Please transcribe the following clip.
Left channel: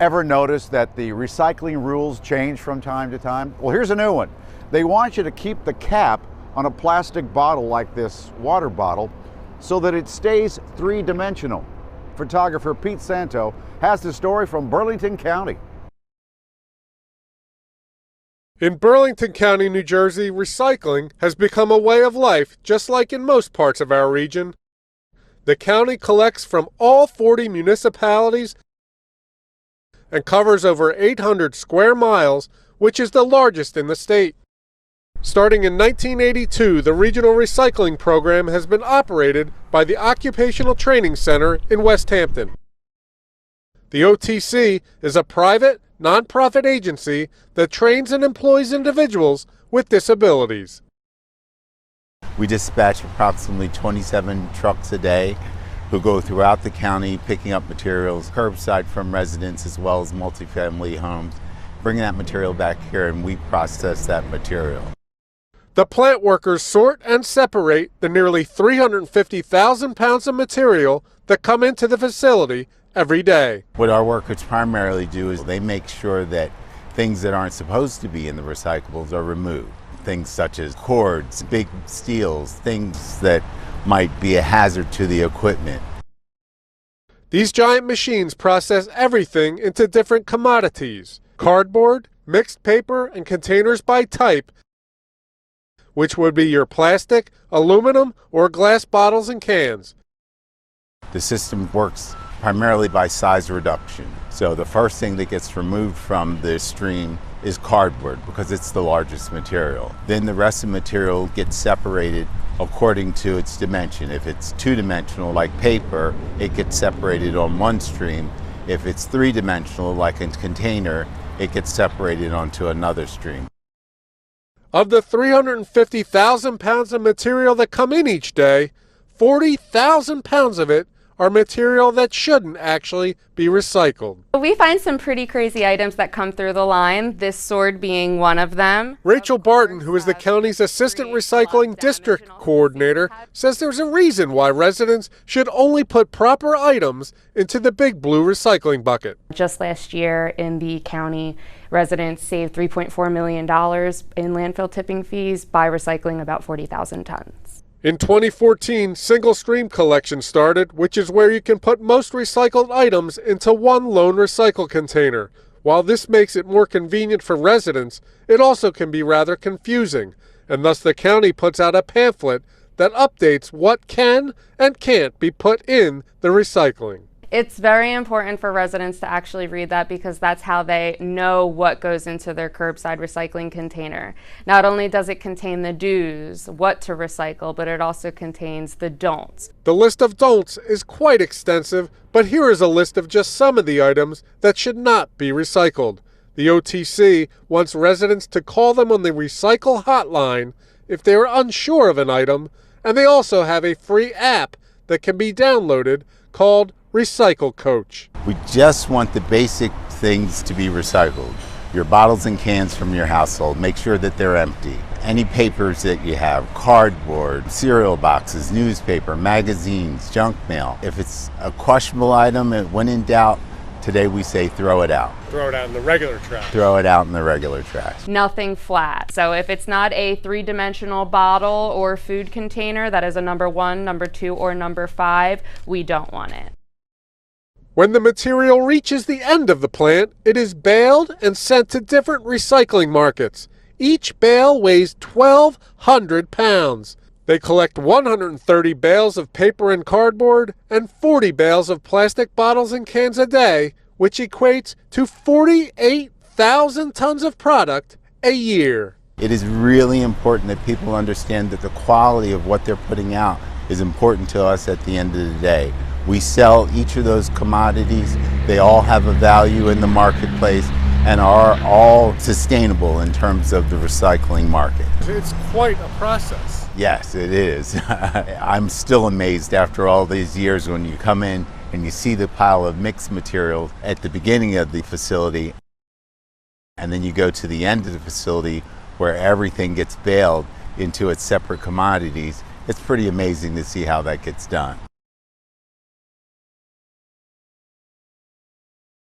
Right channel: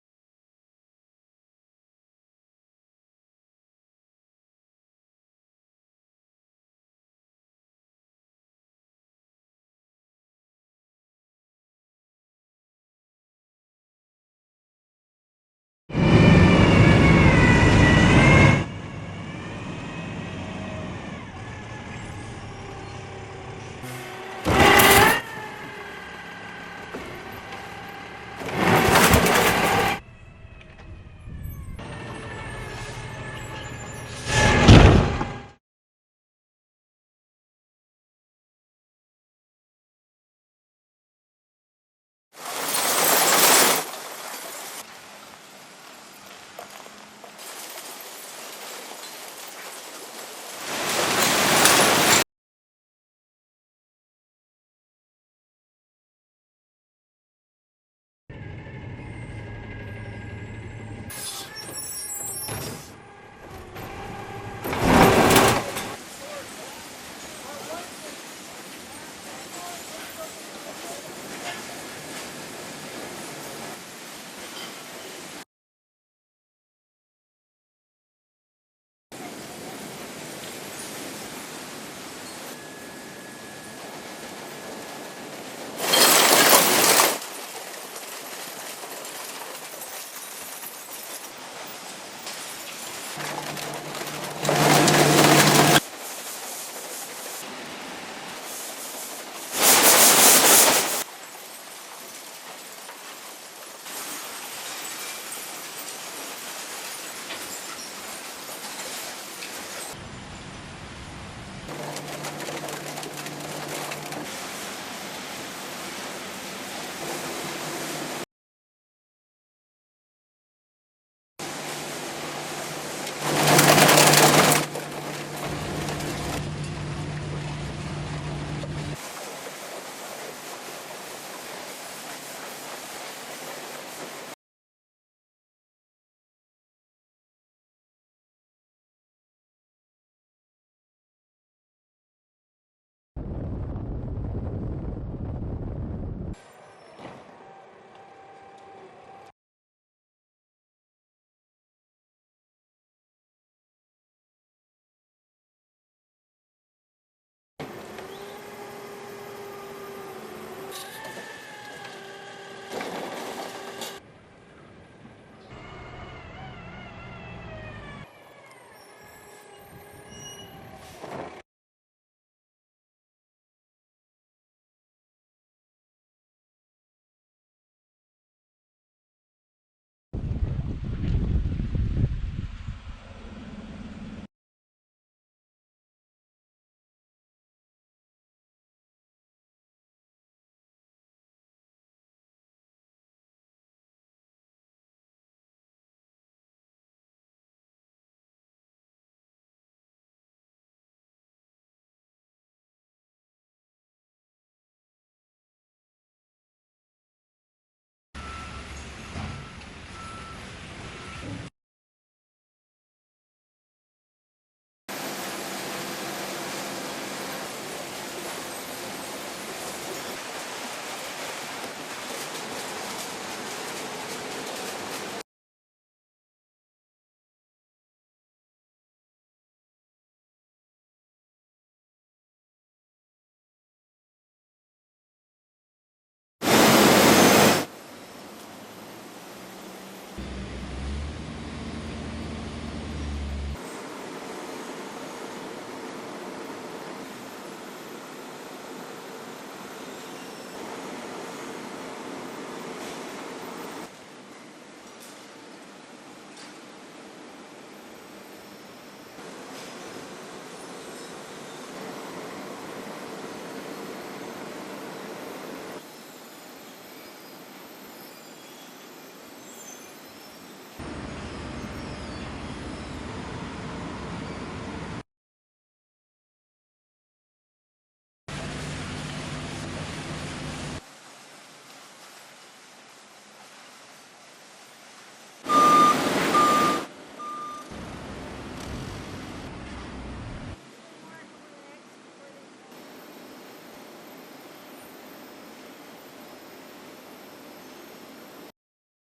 Ever notice that the recycling rules change from time to time? Well, here's a new one. They want you to keep the cap on a plastic bottle like this water bottle so that it stays three-dimensional. Photographer Pete Santo has the story from Burlington County. In Burlington County, New Jersey, recycling has become a way of life, just like in most parts of our region. The county collects from all 40 municipalities and covers over 800 square miles, which is the largest in the state. Starting in 1982, the regional recycling program has been operated by the Occupational Training Center in West Hampton. The OTC is a private, nonprofit agency that trains and employs individuals with disabilities. We dispatch approximately 27 trucks a day who go throughout the county picking up materials curbside from residents as well as multifamily homes, bringing that material back here, and we process that material. The plant workers sort and separate the nearly 350,000 pounds of material that come into the facility every day. What our workers primarily do is they make sure that things that aren't supposed to be in the recyclables are removed. Things such as cords, big steels, things that might be a hazard to the equipment. These giant machines process everything into different commodities: cardboard, mixed paper, and containers by type, which would be your plastic, aluminum, or glass bottles and cans. The system works primarily by size reduction. So the first thing that gets removed from the stream is cardboard because it's the largest material. Then the rest of the material gets separated according to its dimension. If it's two-dimensional like paper, it gets separated on one stream. If it's three-dimensional like a container, it gets separated onto another stream. Of the 350,000 pounds of material that come in each day, 40,000 pounds of it are material that shouldn't actually be recycled. We find some pretty crazy items that come through the line, this sword being one of them. Rachel Barton, who is the county's Assistant Recycling District Coordinator, says there's a reason why residents should only put proper items into the big blue recycling bucket. Just last year in the county, residents saved $3.4 million in landfill tipping fees by recycling about 40,000 tons. In 2014, single stream collection started, which is where you can put most recycled items into one lone recycle container. While this makes it more convenient for residents, it also can be rather confusing, and thus the county puts out a pamphlet that updates what can and can't be put in the recycling. It's very important for residents to actually read that because that's how they know what goes into their curbside recycling container. Not only does it contain the do's, what to recycle, but it also contains the don'ts. The list of don'ts is quite extensive, but here is a list of just some of the items that should not be recycled. The OTC wants residents to call them on the recycle hotline if they are unsure of an item, and they also have a free app that can be downloaded called Recycle Coach. We just want the basic things to be recycled. Your bottles and cans from your household, make sure that they're empty. Any papers that you have, cardboard, cereal boxes, newspaper, magazines, junk mail. If it's a questionable item, when in doubt, today we say throw it out. Throw it out in the regular trash. Throw it out in the regular trash. Nothing flat. So if it's not a three-dimensional bottle or food container that is a number 1, number 2, or number 5, we don't want it. When the material reaches the end of the plant, it is baled and sent to different recycling markets. Each bale weighs 1,200 pounds. They collect 130 bales of paper and cardboard and 40 bales of plastic bottles and cans a day, which equates to 48,000 tons of product a year. It is really important that people understand that the quality of what they're putting out is important to us at the end of the day. We sell each of those commodities. They all have a value in the marketplace and are all sustainable in terms of the recycling market. It's quite a process. Yes, it is. I'm still amazed after all these years when you come in and you see the pile of mixed material at the beginning of the facility, and then you go to the end of the facility where everything gets baled into its separate commodities. It's pretty amazing to see how that gets done.